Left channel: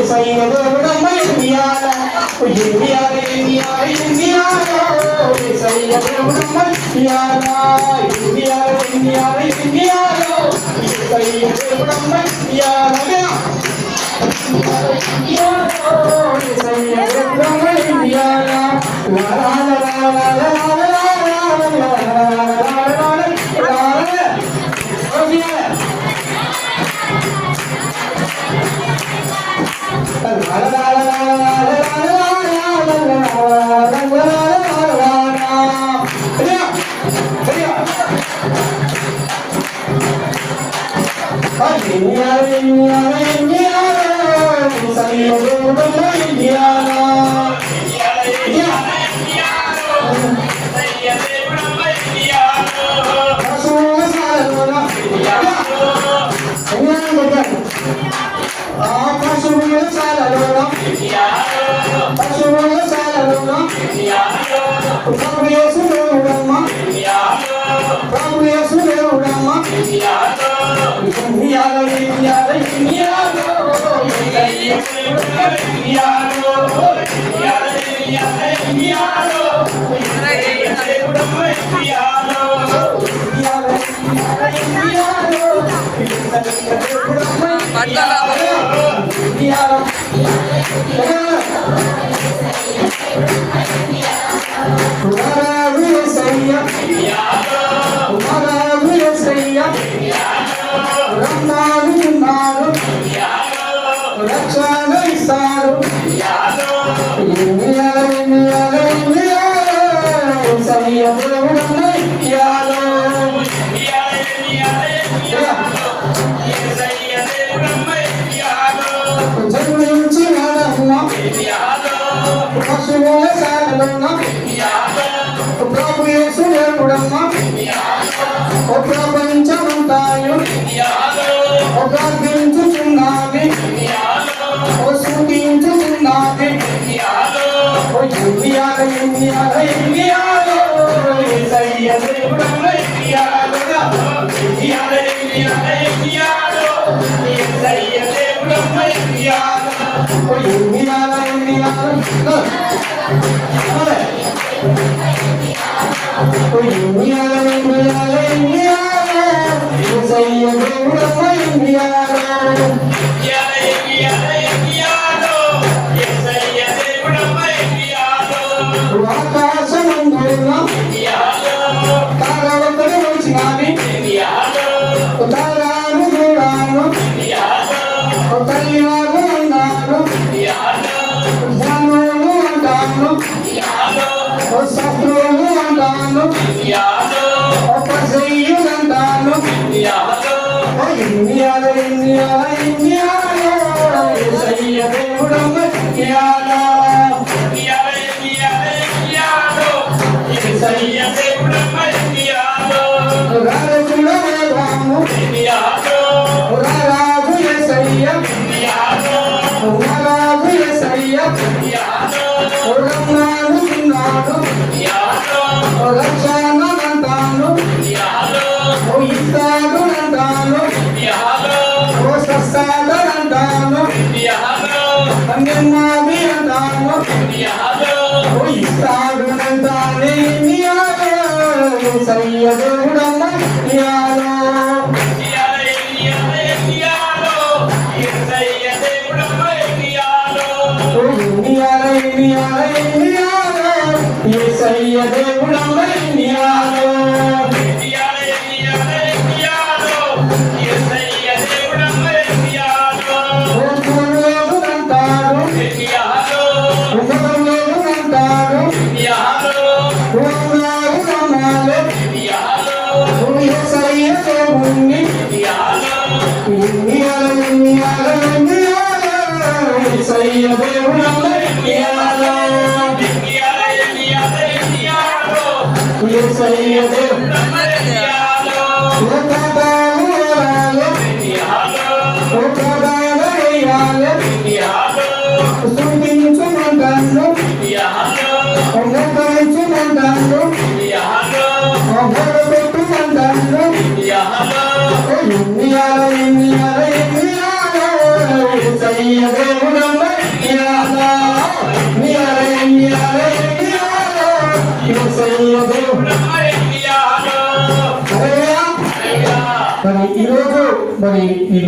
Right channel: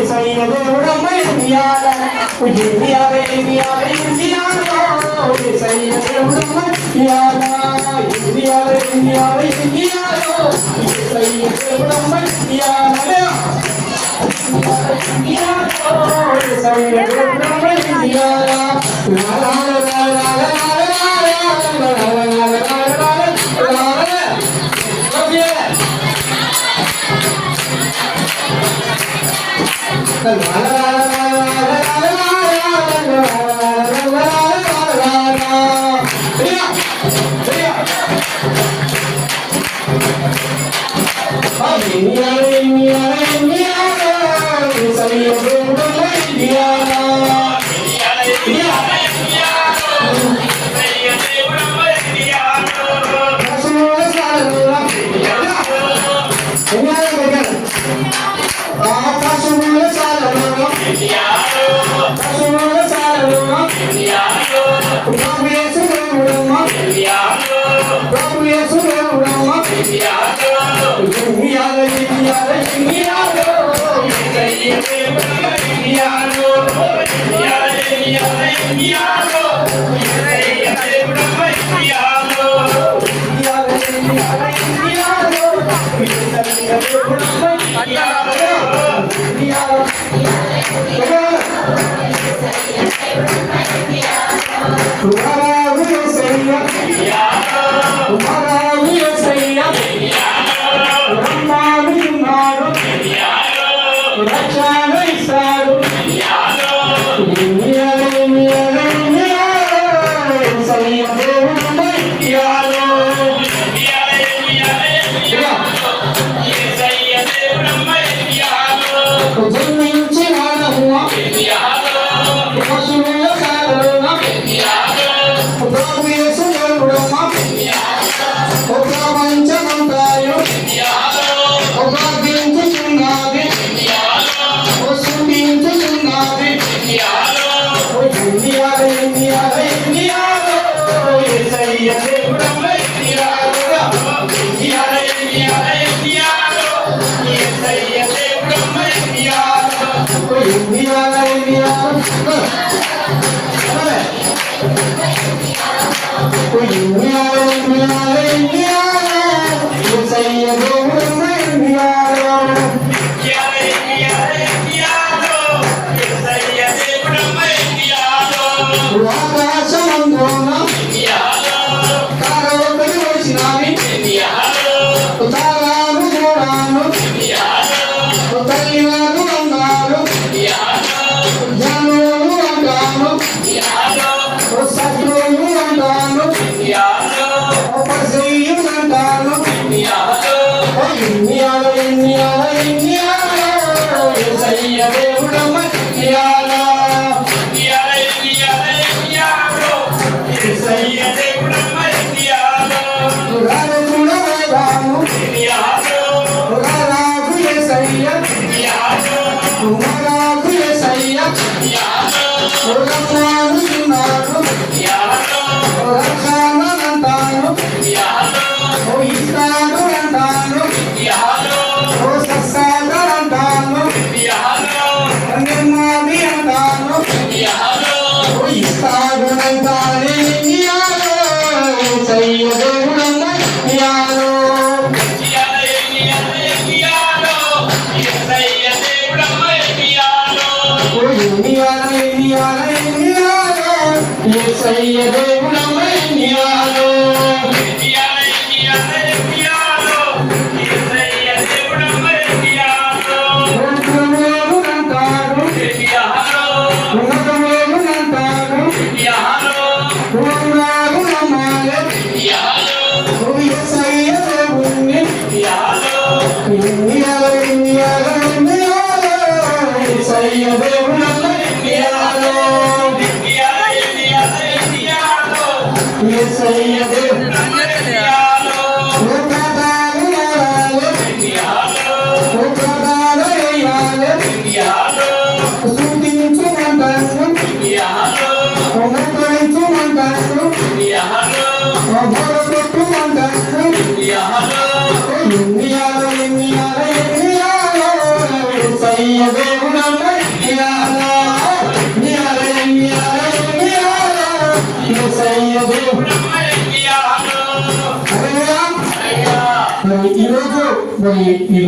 దేవుడమ్మ ఇండియాలో ఇండియాలో ఇండియాలో ఇండియాలో దేవుడమ్మ ఇండియాలో ఇండియాలో ఇండియాలో ఇండియాలో దేవుడమ్మ ఇండియాలో Yeah.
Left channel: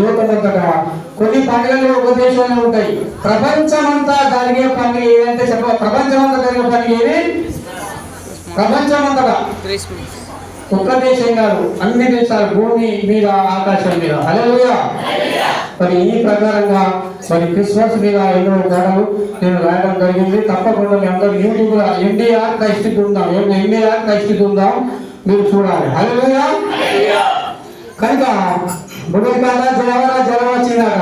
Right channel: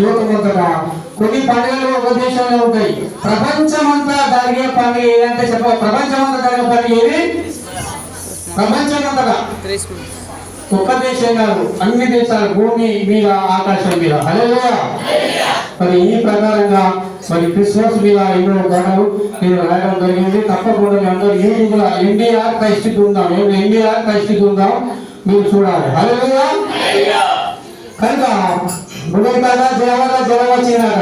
లోకమంతగా కొన్ని పండుగలు ఒక దేశంలో ఉంటాయి. ప్రపంచమంతా జరిగే పండుగ ఏదంటే ప్రపంచమంతా జరిగే పండుగ ఏది? ప్రపంచమంతగా ఒక్క దేశం కాదు, అన్ని దేశాలు, భూమి మీద ఆకాశం మీద. హల్లెలూయా. మరి ఈ ప్రకారంగా మరి క్రిస్మస్ మీద ఎన్నో గొడవలు నేను రాయడం జరిగింది. తప్పకుండా మీ అందరూ యూట్యూబ్ లో ఎన్టీఆర్ క్రైస్ట్ ఉందాం, ఎన్టీఆర్ క్రైస్ట్ ఉందాం మీరు చూడాలి. హల్లెలూయా. కనుక మొదటి కదా జలం వచ్చిందట,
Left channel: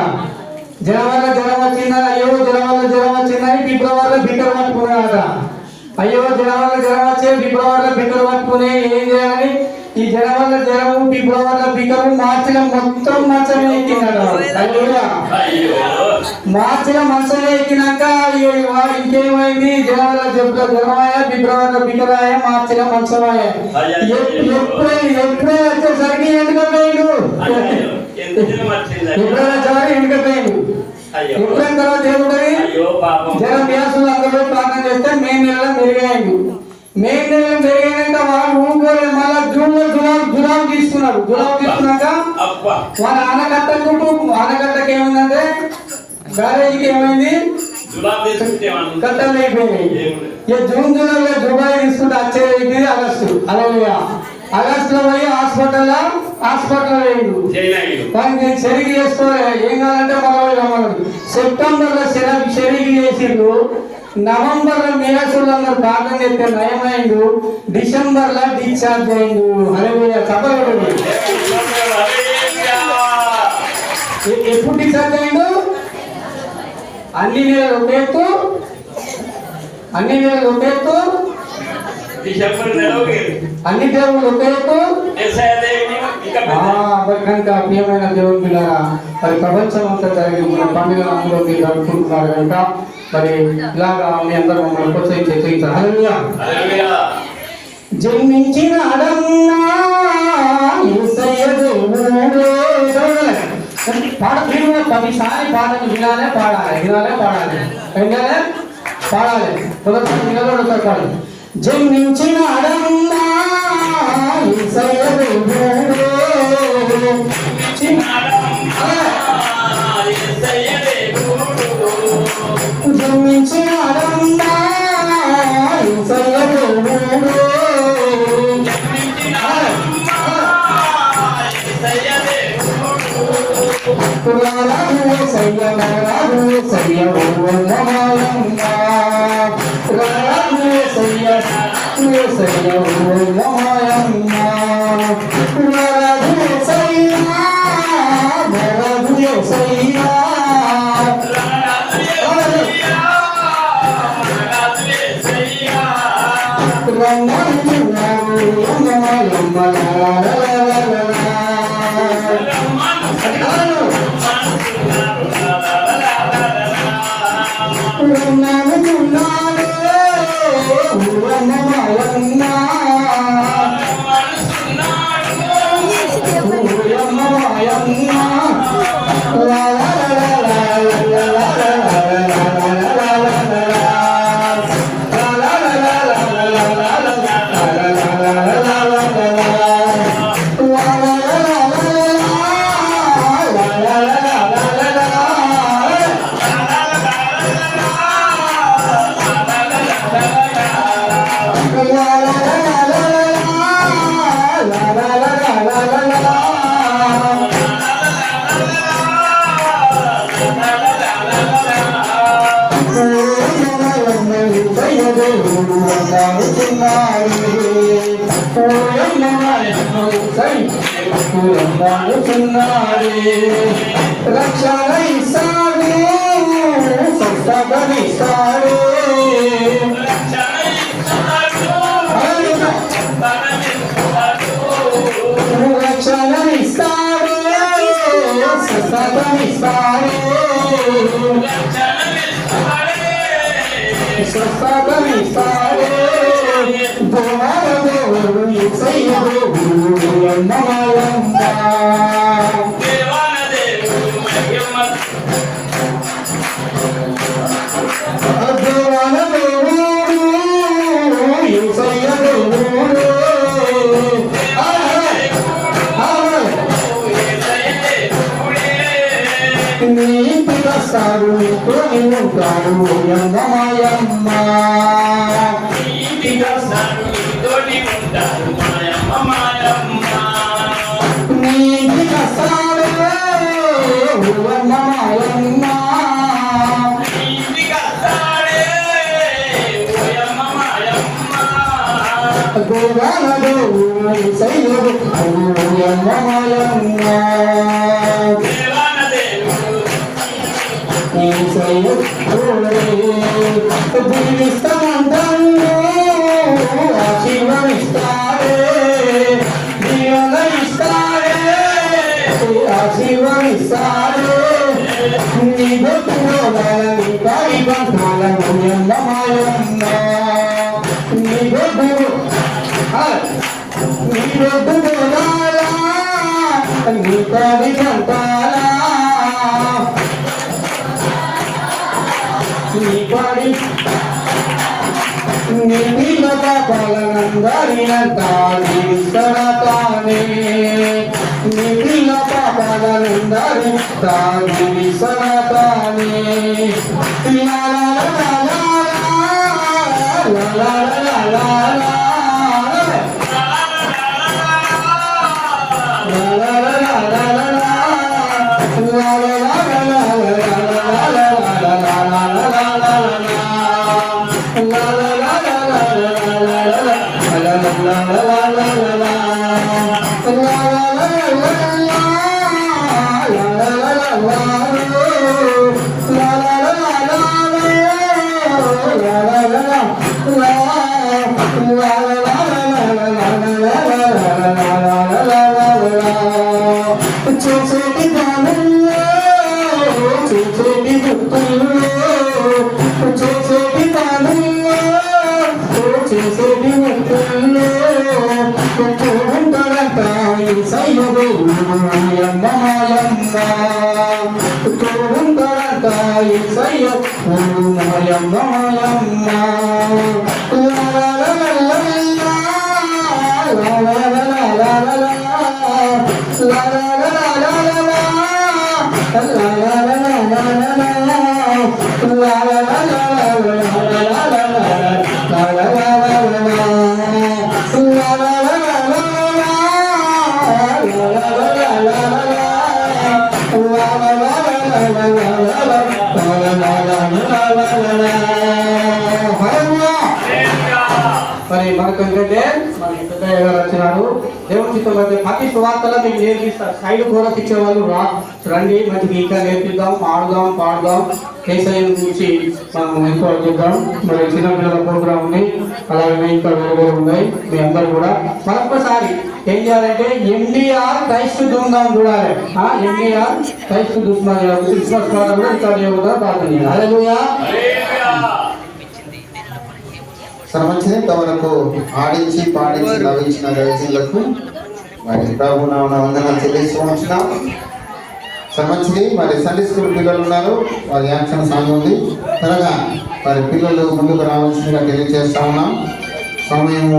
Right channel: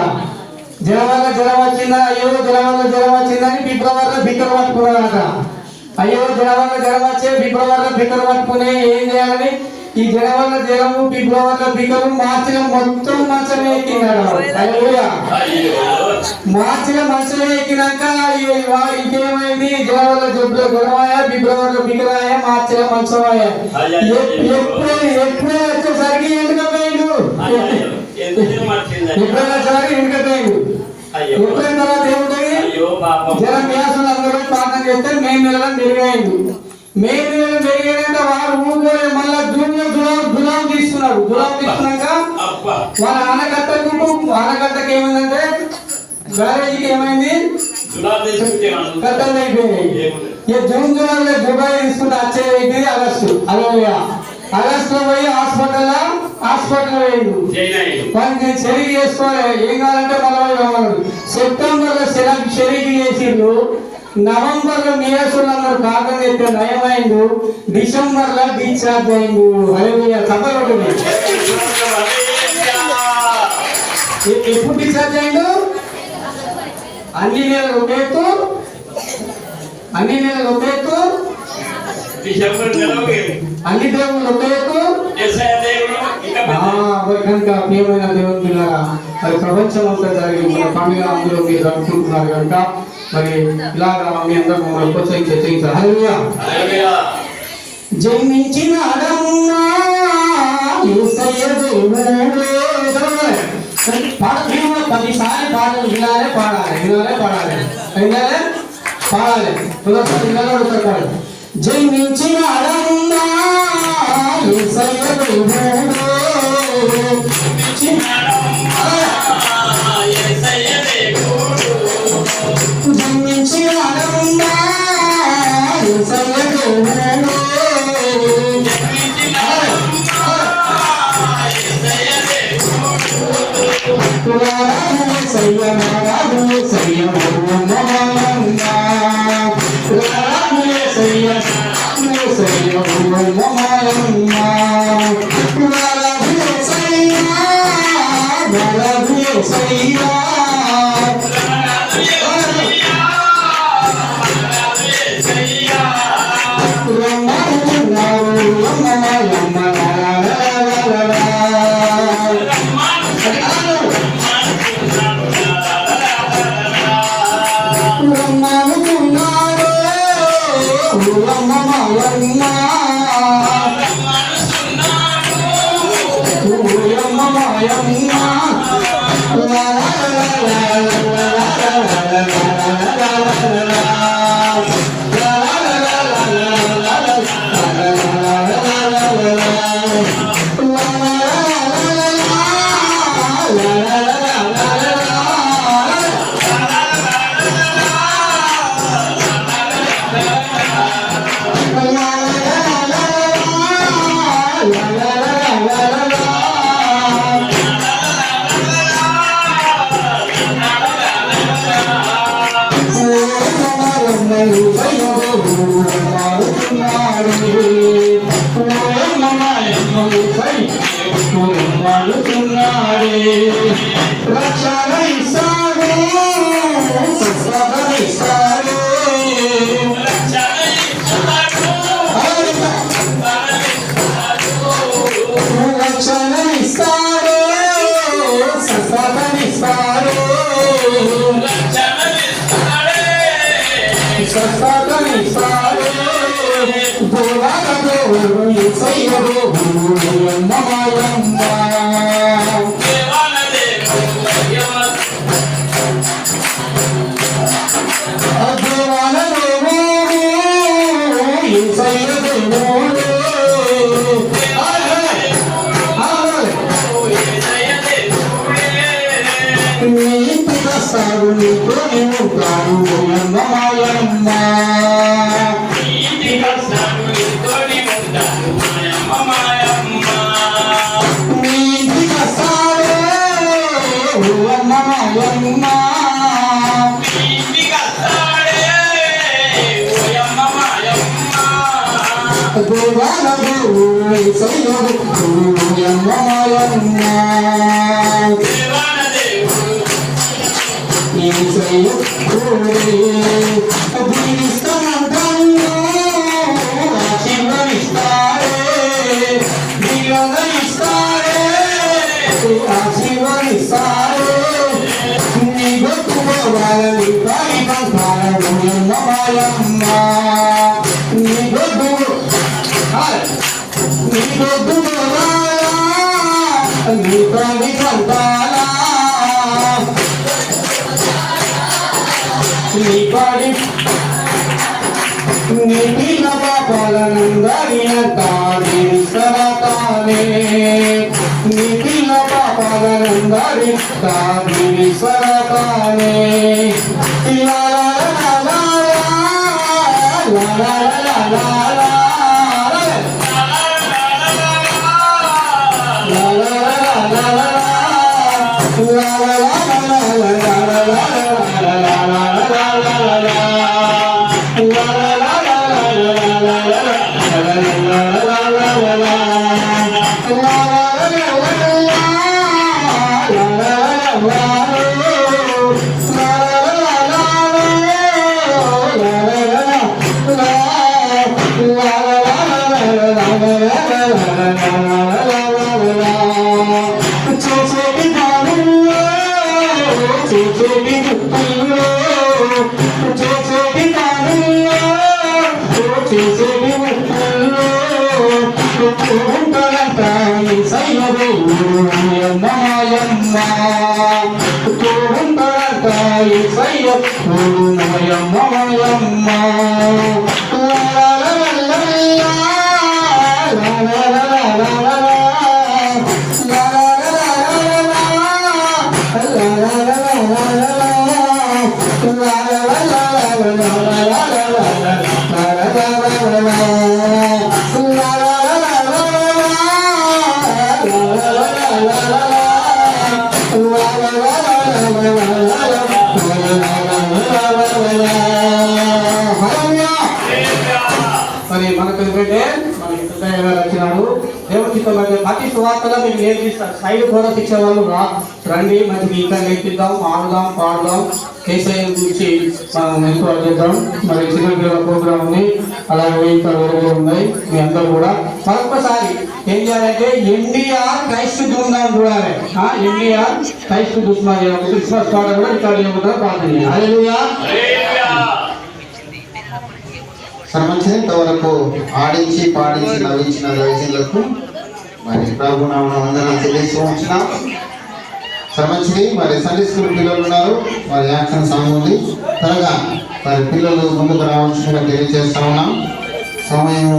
జలం వచ్చిందా, అయ్యో జలం వచ్చిందని ఫిబ్రవరిలో బిక్కర పట్టుకున్నాడట. అయ్యో జలం వచ్చే ఫిబ్రవరిలో బిక్కర పట్టుకుని ఏం చేయాలి? ఈ జలము ఫిబ్రవరిలో బిక్కరు మార్చిలో మొత్తం మంచమే ఎక్కినాడు. మార్చిలో మంచమే ఎక్కినాక ఇంకేమైంది? జలమాయ ఫిబ్రవరిలో బిక్కరాయ మార్చిలో మంచమాయ. ఎప్పుడే వచ్చేసరికి ఎండుకపోయాడు, ఎప్పుడైనా వచ్చేసరికి ఎండుకపోయాడు. ఎప్పుడైన తర్వాత ఏముంటుంది? జలం వ్యాసులు అందరూ ప్రార్థన చేస్తే మే నెలలో మెరుగైండు. మే నెలలో మెరుగైనాక వాడు ఊరుకోలేదు. మళ్ళా జూన్లో దులాం తీసుకున్నాడు. దులాం తీసుకున్నాక వాళ్ళ ఆనకట్టకి ఏమైందంటే బ్యారేజీకి ఏమైంది? కట్టలు అయిపోయింది. జూన్ జూలైలో దుబాయ్ తీసుకుంటే వచ్చేది ఆగస్టు. ఆగస్టులో పోయి హాస్పిటల్ అయ్యిండు. నేను చెరిగి చేసుకోవాలి. ఏం కావాలంటే మళ్ళీ సెప్టెంబర్లో చెరిగి చేసిండు. నవంబర్లో మీరసులందరూ కాకం చెప్తే నయమైండు. డిసెంబర్లో డిశ్చార్జ్ అయిండు. హల్లెలూయా. చెప్పలు ఎప్పుడు డిశ్చార్జ్ అయిండు? అన్ని నెలలు ఒకేత్తు, అన్ని దేవుళ్ళు ఒకేత్తు, కనుక ప్రియమైన దేవుడు మరి ప్రపంచం అంతా జరిగి పండుగ అందులో మీరు జరుపుకుంటున్నారు కనుక మరి ఇలాగా మీ అందరూ మమ్మల్ని ప్రోత్సహించారు. హల్లెలూయా. జన్మించిన పదిసారి పాటలు వినాలే, పాడాలి. జన్మించిన అడన్నా యేసయ్య దేవుడు, జన్మించిన అడన్నా యేసయ్య దేవుడు, ఇంటికొస్తాడు నీతోని ఉంటాడు ఓయమ్మ మాయమ్మ ఇంటికొస్తాడు నీతోని ఉంటాడు మాయమ్మ మాయమ్మ నీ ఇంటికొస్తాడే ఓయమ్మ మాయమ్మ ఇంటికొస్తాడే ఓయమ్మ మాయమ్మ దేవాన దేవుడు యేసయ్యడు ఓయమ్మ మాయమ్మ దేవాన దేవుడు యేసయ్యడు దీవిస్తానంటాడు ఆశీర్వదిస్తాడే దీవెన ఇస్తాడే ఆశీర్వదిస్తాడే నీ గొప్పవాళ్ళని కాలికంటాల ఓయమ్మ మాయమ్మ నీ గొప్ప నీ గొప్పవాళ్ళ నీ కాలికంటాల నీ కాలి నీ పిల్ల పాపాలనందరిన తానే విసరతానే నీ పిల్ల పాపాలనందరి తానే విసరతానే లా లా లా లా లా లా లా మరి మనకు ఏంటంటే మన కృష్ణయ్య గారు వచ్చినారు దేవుని చిత్తం ప్రతి సువార్తలో మీకు నేర్పిస్తారు సైడ్ కూడా శిక్షణ వాళ్ళు రండి మనకి ఇంకా నేర్పిద్దాం ఆడుదాం పాడుదాం కేసీఆర్ గురించి మనం ఎంక్వైరీ చేద్దాం మరి చిన్నపిల్లల ప్రోగ్రామ్ ఉంది అలాగే ఇంకా వేరే ఉన్నాయి మీ అందరూ కూడా మరొకసారి ఏం చేయాలంటే ఎండిఆర్ క్రైస్తు దుందాం చూడాలి ఎండిఆర్ క్రైస్తు దుస్మాన్ క్రిస్మస్ కూడా ఇక్కడ లేవుగా ప్రార్థన చేయాలి హల్లెలూయా సంబంధించి ఇంతవరకు ఆడించి పాడించి నవ్వించిన దైవజనులకు మరి ప్రభు నామమున వందనాలు తెలియజేస్తూ ఉంటున్నాం. సంబంధించి మరి సండే స్కూల్ పిల్లలు ఉన్నారు, మరి యాక్షన్ సాంగ్ ఉంది, త్వరగా మరి పిల్లలు ముందుకు రావాల్సిందిగా తెలియజేస్తా ఉన్నాం. సమయం